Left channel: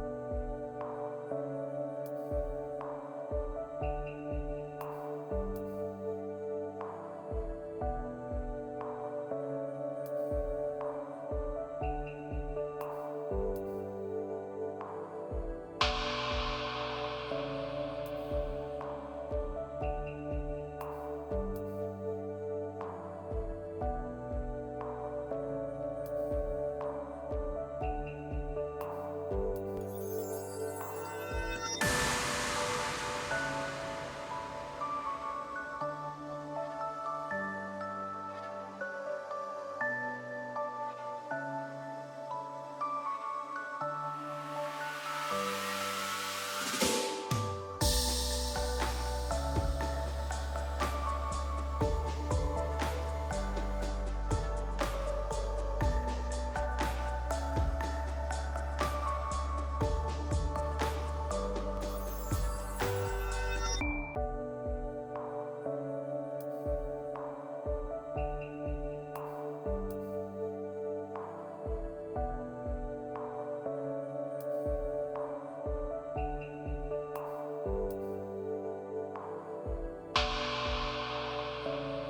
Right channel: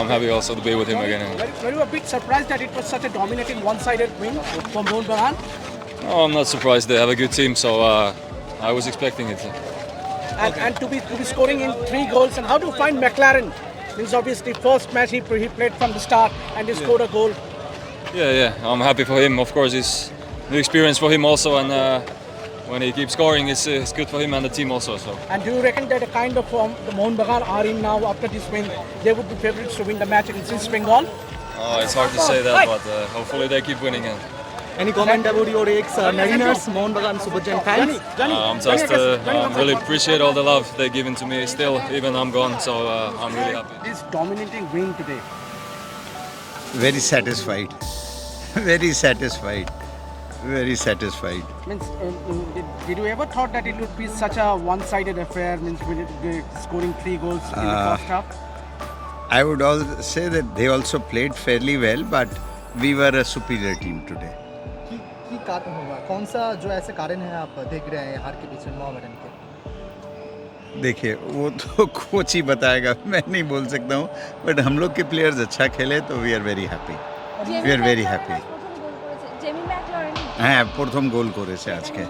I'm happy also to be with him again. Were you a bit surprised that it was such a dominating one-sided win for Mohun Bagan? No, I'm not surprised. They have a good team, so uh, I was expecting it. And, and to be to be scoring in three goals. And how do you find McLaren? Means obviously first match he, he played from the start and he scored a goal. Yeah, yeah. I'm happy for him. Of course, it's new experience for him also, and uh, when he keeps scoring, it's, uh, it's good for him and the team also. So. And do you reckon that the kind of form the Mohun Bagan are in now after this win, they would be favourites to win the match against East Bengal? Oh, it's hard to say that, but uh, hopefully they keep winning. And, Any comment about your ex uh, Mariners, Mohun Bagan Super Giant fans? Johnny, uh, I'm just uh, um, really appreciate all the love they're giving to me still, even I'm gone. So uh, I'm really happy. This dominating win today. very satisfied very satisfied very satisfied Means, uh, uh, did, did you ever thought that it would be such a one-sided affair? Means with it, uh, scoring three goals in the Uh, first half. i would all say that they also played fairly well but we were a superior team today की की कारण होगा कौन सा जो ऐसे कारण है आप देख रहे हैं हार के पीछे मोहम्मदन के देखिए वो तो कोच ही बताएगा मैं नहीं बोल सकता हूँ बट हम लोग के प्लेयर्स अच्छा खेले तो we are very happy Jamie We are very হ্যাঁ প্রথম গোল করেছে আজকে।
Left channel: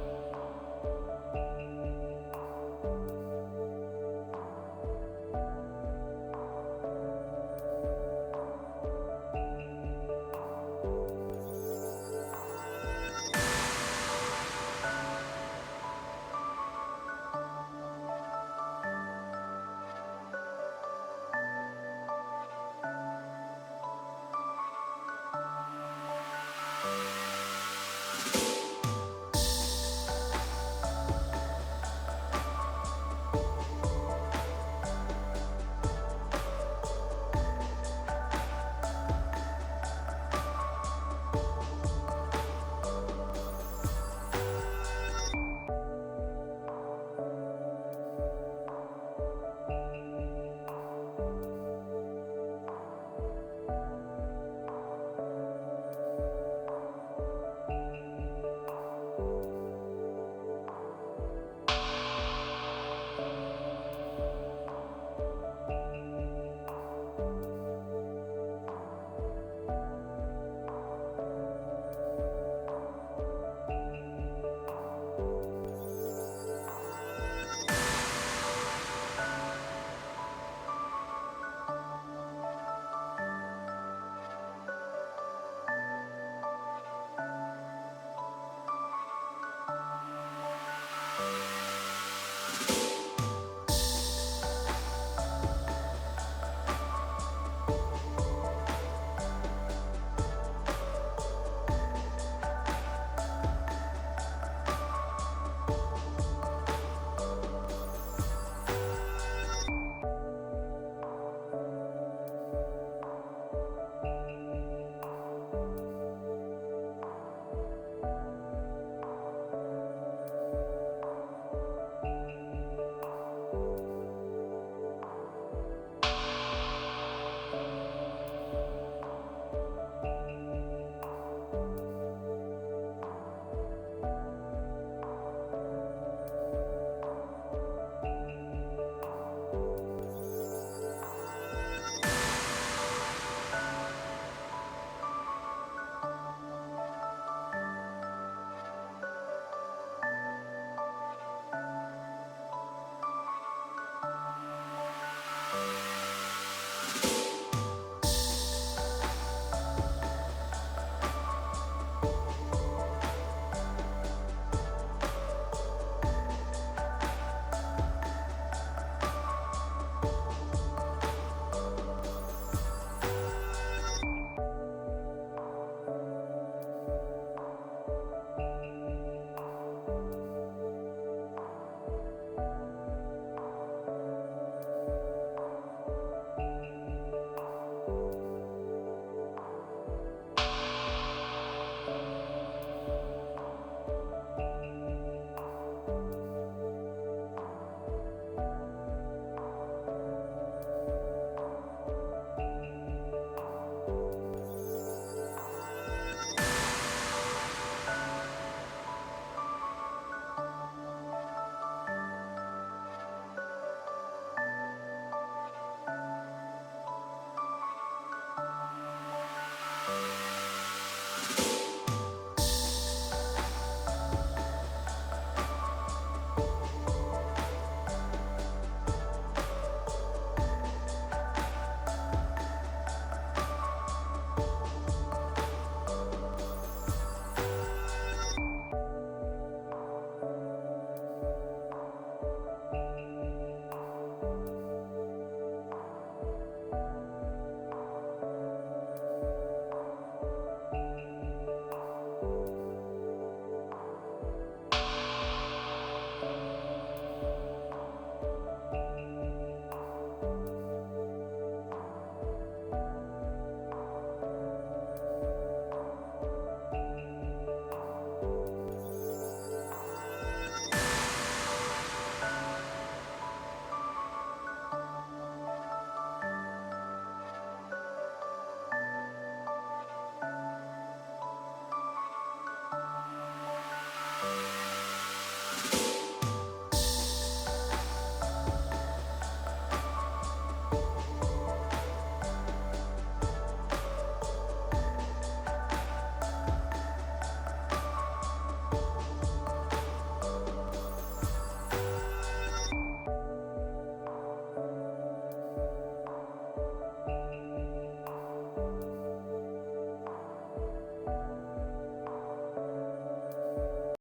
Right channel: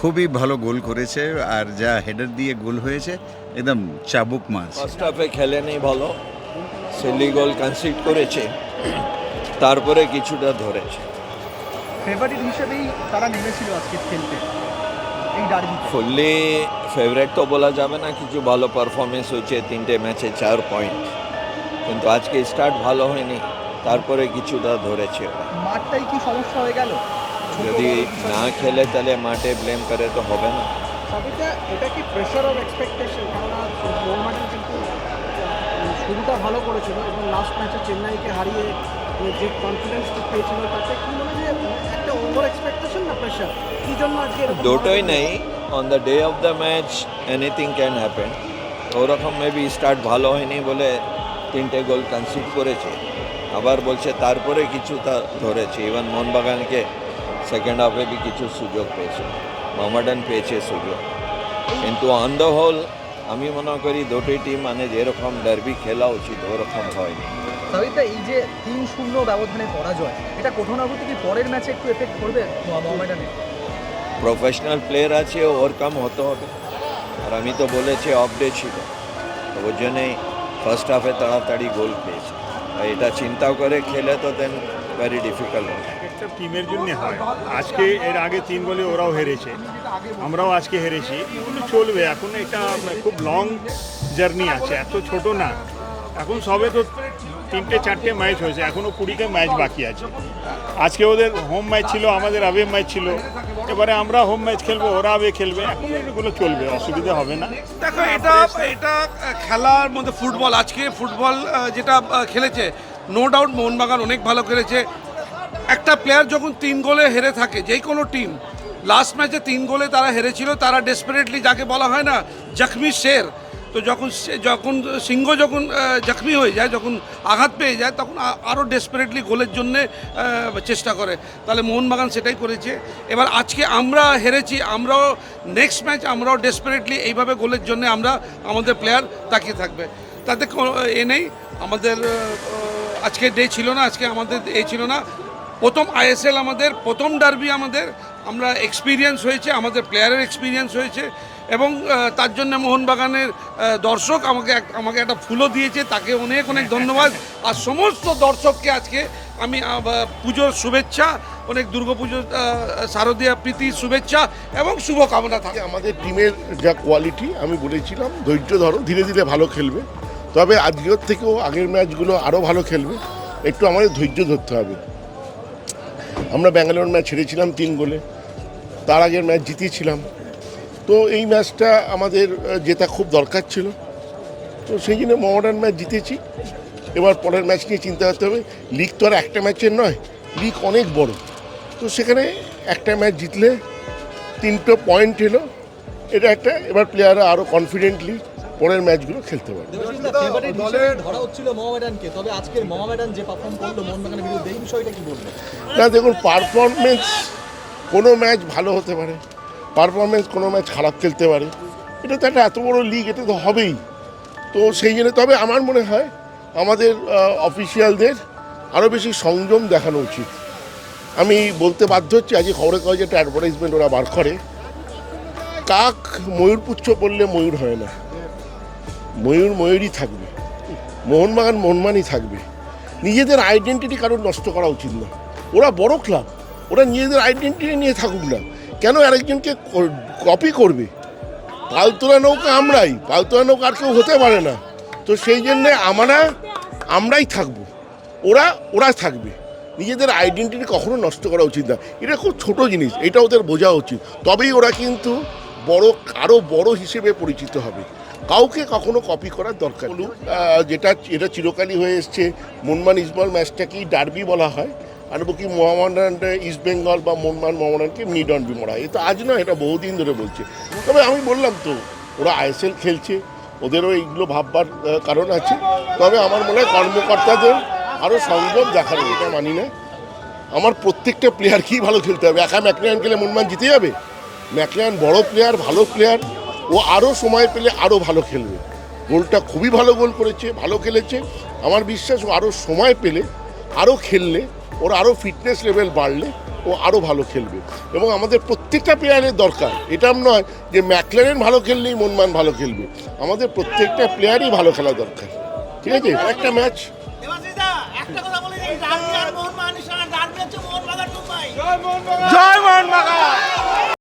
খুবই ভালো গোল করেছে আর যা হেডার দিয়ে গোল হয়েছে একদম চাবুক মাছ। ফার্স্ট হাফে খেলেনি ভালো সিলি গোল কনসিড করেছে তারপরে কিছুটা ধরেছে। ফেভারিট হিসেবেই তারা নেমেছিল আজকে খেলতে ফুললি ফেভারেট তো। বলা যাবে না কিছু ভালো পারফরমেন্স হয়েছে তিনটে ম্যাচে চার পয়েন্ট কিন্তু আজকে স্টার্ট ভালো হয়নি তারপরে কিছুটা ধরেছে। মাঠটাই কি সমস্যা হয়ে গেল? যদি না খেলে তাহলে মাঠে ব্লেম করে তো হবে না। এটা কি প্রেশার অফ এক্সপেকটেশন মোহামেডান কিন্তু শুরুটা ভালো করেছিল এবং লাস্ট ম্যাচে চেন্নাইকে হারিয়ে যে কনফিডেন্স পেয়েছিল তাতে কি মনে হয় একটা ওভার এক্সপেকটেশন না প্রেশার কি জন্য আজকে দুটোই নেই। On the day of the match anything can happen ওরকম মেবি স্টার্ট ভালো হয়নি বলে তিনটে গোল কনসিড করেছে। আবার বলছে তারপরে কিছু তা ধরেছে। ইভেন মোহনবাগানকে সেকেন্ড হাফে বি কিছু সুযোগ পেয়েছে। মোহামেডান পেয়েছে সুযোগ। কিন্তু অন দ্য হোল আমি মনে করি দুটোই টিম মানে যেরকম ডার্বি খেলা উচিত ওরকম হয়নি। সবিতা এই যে তিন শূন্য ব্যবধানে পরাজয় এটা কোথাও না কোথাও কি পরের ম্যাচে একটু এফেক্ট করবে মোহামেডানে প্রফেশনাল প্লেয়ার আছে ওভারকাম হতে হবে। আর আমি তো বলেছি অফ ডে ছিল। তো ওর জন্যই ফার্স্ট হাফে তাড়াতাড়ি গোল পেয়েছে। আর এটা চিন্তাও করে খেলে তো দেন ভেরি ডিফিকাল্ট হবে। একটা টিমের জন্য হয়। আজকে এর আগে তিন বলে ওরাও হেরেছে। আমরাও আজকে হেরেছি। এগুলো চলবে। এখন এটা খুব লং জার্নি আছে। এত ছোট না। এখন সবে তো তিনটে, চারটে ম্যাচ হয়েছে। এখনও কুড়িটা ম্যাচ বাকি আছে। আজকে ওদের হোম ম্যাচ ছিল, আমাদের আবে ম্যাচ ছিল। এবারে আমরা হোম ম্যাচ খেলব, ওরা আবে খেলবে। এখন এগুলো চলবে, অসুবিধা হবে না। দেখো, এটা এটা খেলার মধ্যে ফুটবল আজকে ফুটবল যেটা খেলেছে নো ডাউট মোহনবাগান অনেক ভালো খেলেছে। একটা প্লেয়ার যখন তিন গোলে হেরে থাকে, যে কোনো টিম লাস্ট ম্যাচে তিন গোলে তারা হেরেছিল, তারা ডেসপারেটলি যাকে বলা হয় না, জখমি শের। তো যখন যখন সিংহ যখন জখমি হয়ে যায়, যখন আঘাত পেয়ে যায়, তখন আরও ডেসপারেটলি গোলের জন্যে চেষ্টা করে। তাহলে মোহনবাগান সেটাই করেছে। এবার আজকে আমরা হেরেছি, আমরাও নেক্সট ম্যাচ আমরাও ডেসপারেটলি এইভাবে গোলের জন্য আমরা আমাদের প্লেয়ার তাকিয়ে থাকবে। তাতে এ নেই, আমাদের আজকে ডে ছিল না, আজকে আমাদের এ ছিল না। প্রথম আইএসএল আমাদের প্রথম ডার্বি আমাদের আমরা এক্সপিরিয়েন্স হয়েছে আমাদের প্লেয়ারের এক্সপিরিয়েন্স হয়েছে এবং তার জন্য মোহনবাগানের দর্শক আমাকে আমাকে একটা ফুলও দিয়েছে তাকে অনেক অনেক ধন্যবাদ। আর সমস্ত দর্শককে আজকে আমি পুজোর শুভেচ্ছা অনেক দুর্গাপুজোর আহ, শারদীয়া প্রীতির শুভেচ্ছা এবং শুভকামনা থাকে। আমাদের টিমের যা কোয়ালিটি আমি বলেছিলাম ধৈর্য ধরো ধীরে ধীরে ভালো খেলবে। তবে আজকের থেকেও আগের ম্যাচগুলো আরও ভালো খেলবে। একটু আমাদের ধৈর্য ধরতে হবে। আমরা ব্যাঙ্গালোর ম্যাচ হেরেছিলাম তিন গোলে। তার আগের ম্যাচ জিতিয়েছিলাম। তো এই ম্যাচটা আমাদের জেতা খুব দরকার ছিল। তো সেই জন্য মডার্ন ম্যাচ জিতেছি। এবার পরের ম্যাচ নিয়ে চিন্তা করতে হবে। লিগ তো আর একটা ম্যাচের নয়, লিগ অনেক বড়। তো সেখানে একটা ম্যাচ জিতলে তিনটে পয়েন্ট এলো। এটা একটা, এবার প্লেয়াররা আরও কনফিডেন্টলি পরের ম্যাচগুলো খেলতে পারবে। ফেভারিট হিসেবে ধরা হচ্ছিল মোহামেডানকে। তবে আজকের মোহামেডান যে পারফর্ম করল মোহনবাগানের বিরুদ্ধে এই বিষয়টা কি বলবেন? না দেখুন পারফরমেন্স কোনো ম্যাচ ভালো হতে পারে। পারফরমেন্স কোনো ম্যাচ খারাপ খেলতে পারে। এটা তো একটা এত বড় লিগ এটা তো হবেই। তো সেই জন্য তবে আমার মনে হয় আমাদের অফিসিয়ালদের আরও বেশি সংযম দেখানো উচিত। আমি বলতে বাধ্য হচ্ছি আজকে খবরের কাগজে একটা অ্যাডভার্টাইজমেন্ট ওরা বার করে। কাক ময়ূর পুচ্ছ বললে ময়ূর হয় না। ময়ূর ময়ূরই থাকবে। মোহনবাগান মোহনমানই থাকবে। নিজেদের আইডেন্টিটি কারোর নষ্ট করা উচিত না। ওরা বড় ক্লাব ওরা নিজেদের আইডেন্টিটি নিয়ে থাকুক না। কেন আরেকজনকে কপি করবে? পালতোলা নৌকা আমরাই। পালতোলা নৌকা আর কেউ হতে পারে না। তো সেই জন্যে আমরা, আমরাই থাকব। ওরা ওরা থাকবে। নিজেদের আইডেন্টিটি কখনো নষ্ট করা উচিত না। এটা খুব ছোট জিনিস। এটা ওদের বোঝা উচিত। তবেই ওরা কিন্তু বড় আরও বড় হিসেবে পরিচিত হবে। কাউকে কখনো কপি করার দরকার। যেটা এটা চিরকালই হয়ে এসছে মনমান ইসবল ম্যাচটাকেই ডার্বি বলা হয়? আর কি মোহামেডান ইস্ট বেঙ্গল বা মনমান মোহামেডানকে মিড অন বি মরা হয়? এটা আজ না এটা বহুদিন ধরে বলছে। তবে আমি বললাম তো, ওরা আইএসএল খেলছে, ওদেরও এইগুলো ভাববার কারণ আছে। তবে আমার মনে হয় কর্মকর্তাদের আরও সংযম দেখানো এটা মানি না। আমার প্রত্যেকটা প্লেয়ারকেই ভালো খেলতে হবে। একা ম্যাকলিয়ান খেলে মনমান জিতে যাবে? ম্যাকলিয়ান বড় প্লেয়ার ভালো প্লেয়ার ও আরও সময় পেলে আরও ভালো খেলবে। গোলটা খুবই ভালো গোল করেছে ভালো খেলেছে। আমার বিশ্বাস ও আরও সময় পেলে আরও খেললে ওর আরও ফিটনেস লেভেল বাড়লে ও আরও ভালো খেলবে। এবং আমাদের প্রত্যেকটা প্লেয়ারের দরকার। এটা নয় যে ম্যাকলারেন ভালো খেললেই মনমান ভালো খেলবে। আমাদের প্রত্যেকটা প্লেয়ারই ভালো খেলা দরকার। ঠিক আছে? একটা ম্যাচ একটা কথা বলে